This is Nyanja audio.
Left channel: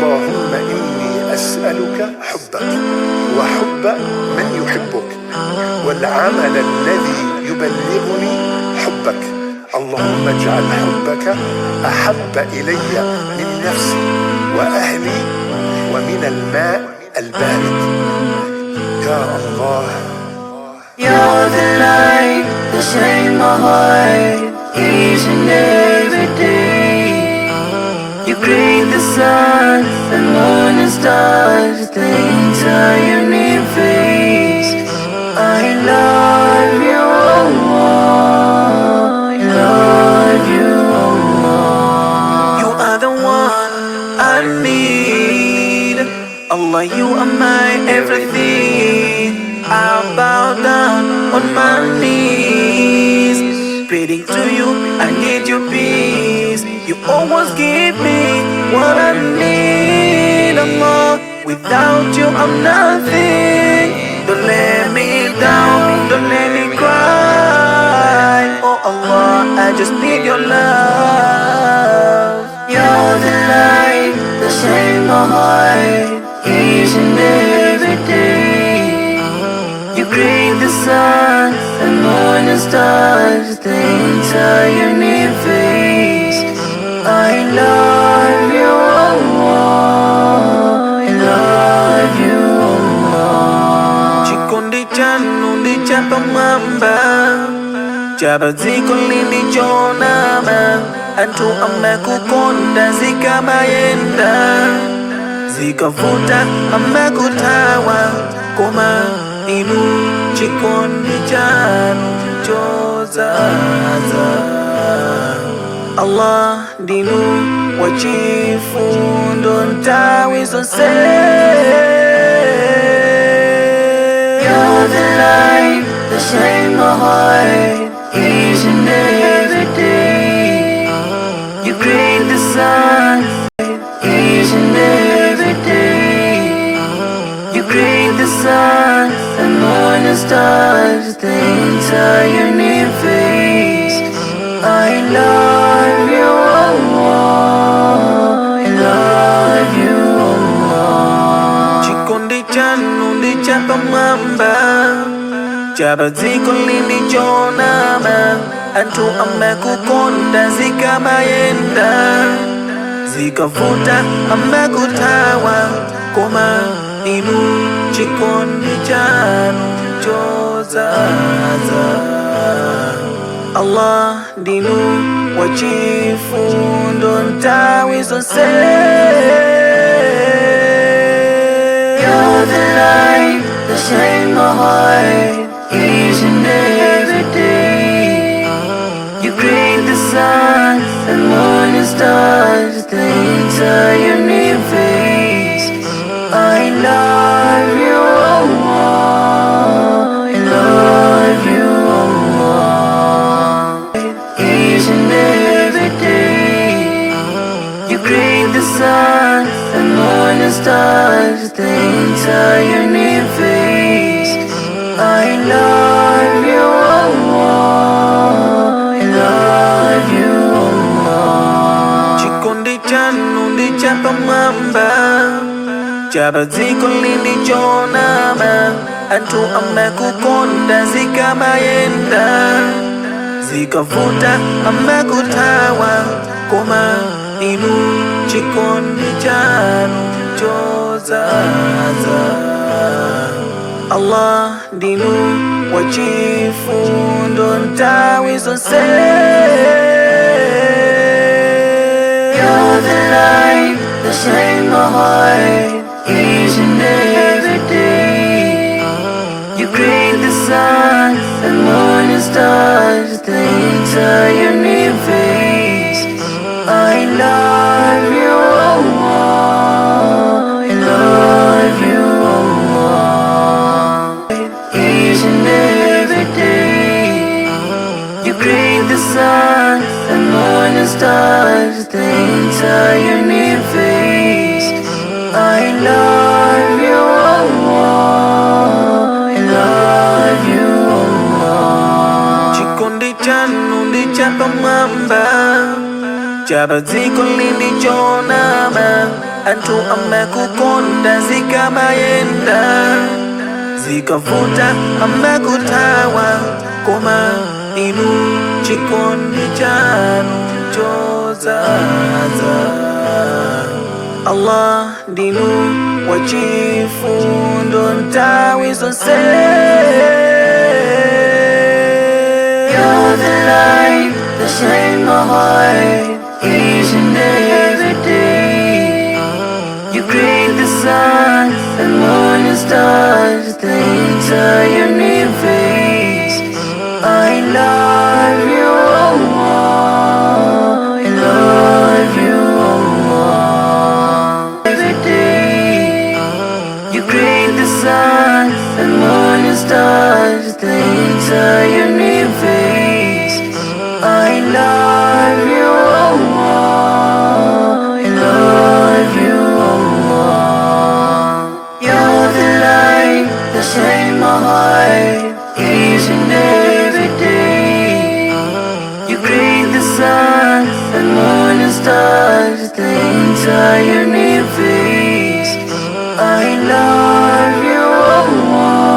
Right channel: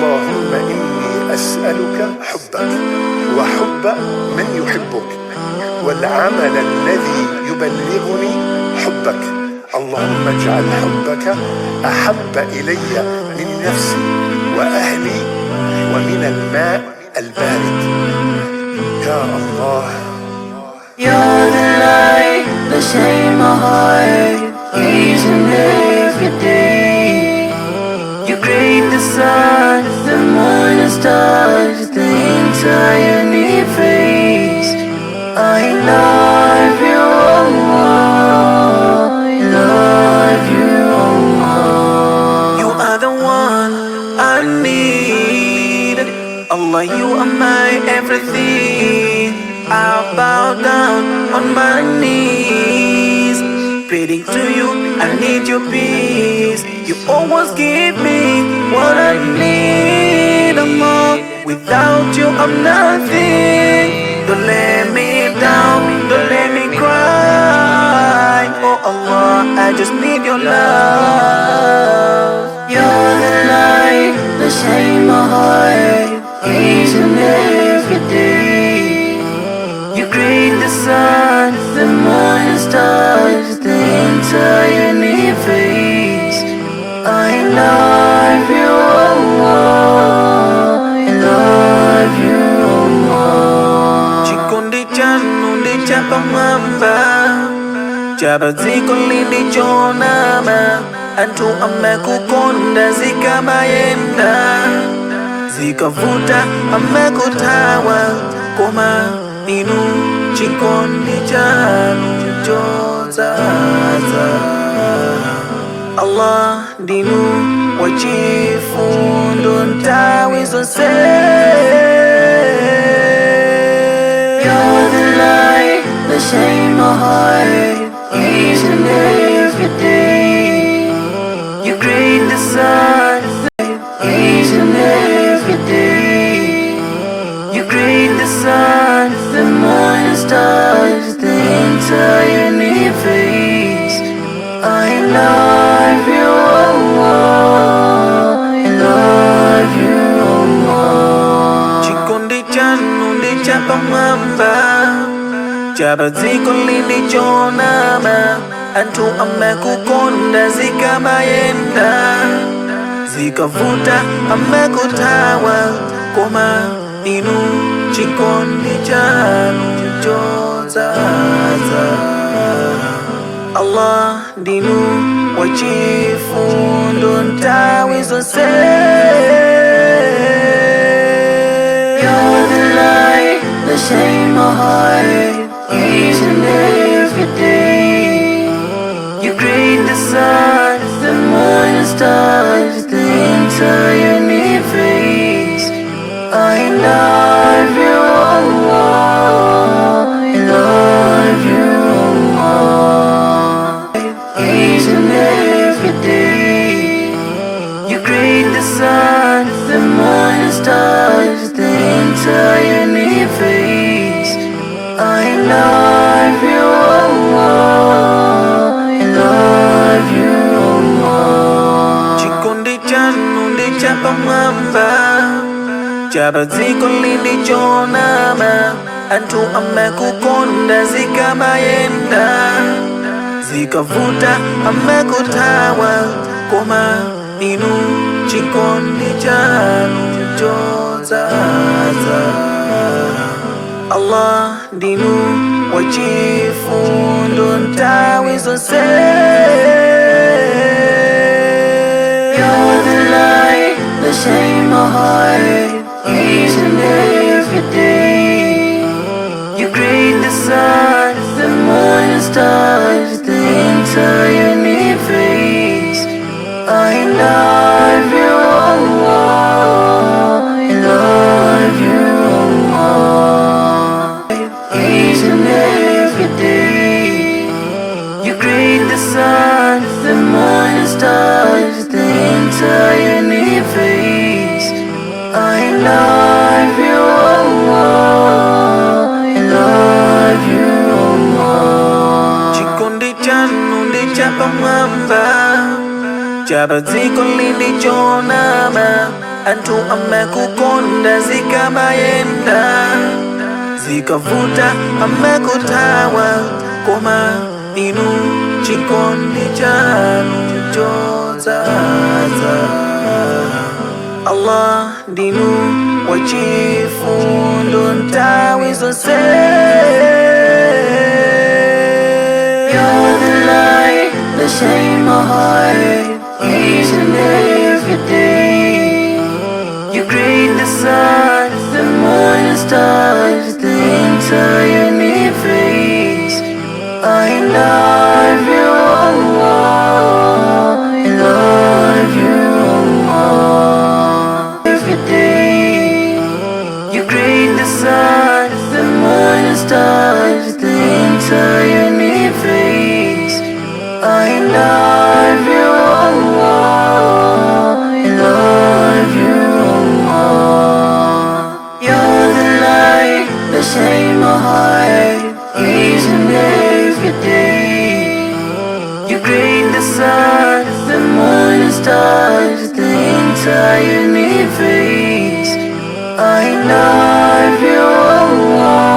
اللهم إني أسألك حبك وحب من يحبك والعمل الذي يبلغني حبك. اللهم اجعل حبك أحب إلي من نفسي وأهلي ومن الماء البارد. يا الله. You're the light that shines my heart each and every day. You create the sun, the moon and stars, the entire universe. I love you, Allah. I love you, Allah. You are the one I need. Allah, you are my everything. I bow down on my knees, praying to you, I need your peace. You always give me what I need, Allah. Without you, I'm nothing. Don't let me down, don't let me cry. Oh Allah, I just need your love. You're the light that shines my heart each and every day. You create the sun, the moon and stars, the entire universe. I love you, Allah. I love you, Allah. Chikondi chanu ndi chapamwamba, chapadziko lindi chonama. Anthu amakukonda zikamayenda, zikavuta amakuthawa, koma inu chikondi chanu chodzaza. Allah ndinu wachifundo nthawi zonse. You're the light that shines my heart each and every day. You create the sun each and every day. You create the sun, the moon and stars, the entire universe. I love you, Allah. I love you, Allah. Chikondi chanu ndi chapamwamba, chapadziko lindi chonama. Anthu amakukonda zikamayenda, zikavuta amakuthawa, koma inu chikondi chanu chodzaza. Allah ndinu wachifundo nthawi zonse. You're the light that shines my heart each and every day. You create the sun, the moon and stars, the entire universe. I love you, Allah. I love you, Allah. Each and every day. You create the sun, the moon and stars, the entire universe. I love you, Allah. I love you, Allah. Chikondi chanu ndi chapamwamba, chapadziko lindi chonama. Anthu amakukonda zikamayenda, zikavuta amakuthawa, koma inu chikondi chanu chodzaza. Allah ndinu wachifundo nthawi zonse. You're the light that shines my heart each and every day. You create the sun, the moon and stars, the entire universe. I love you, Allah. I love you, Allah. Each and every day. You create the sun, the moon and stars, the entire universe. I love you, Allah. I love you, Allah. Chikondi chanu ndi chapamwamba, chapadziko lindi chonama. Antu amekukonda zikamayenda, zikavuta amekutawa, koma inu chikondi chanu chozaza. Allah ndinu wachifundo ntawi zonse. You're the light that shines my heart each and every day. You create the sun, the moon and stars, the entire universe. I love you, Allah. I love you, Allah. Every day, you create the sun, the moon and stars, the entire universe. I love you, Allah. I love you, Allah. You're the light that shines my heart each and every day. You create the sun, the moon and stars, the entire universe. I love you, Allah.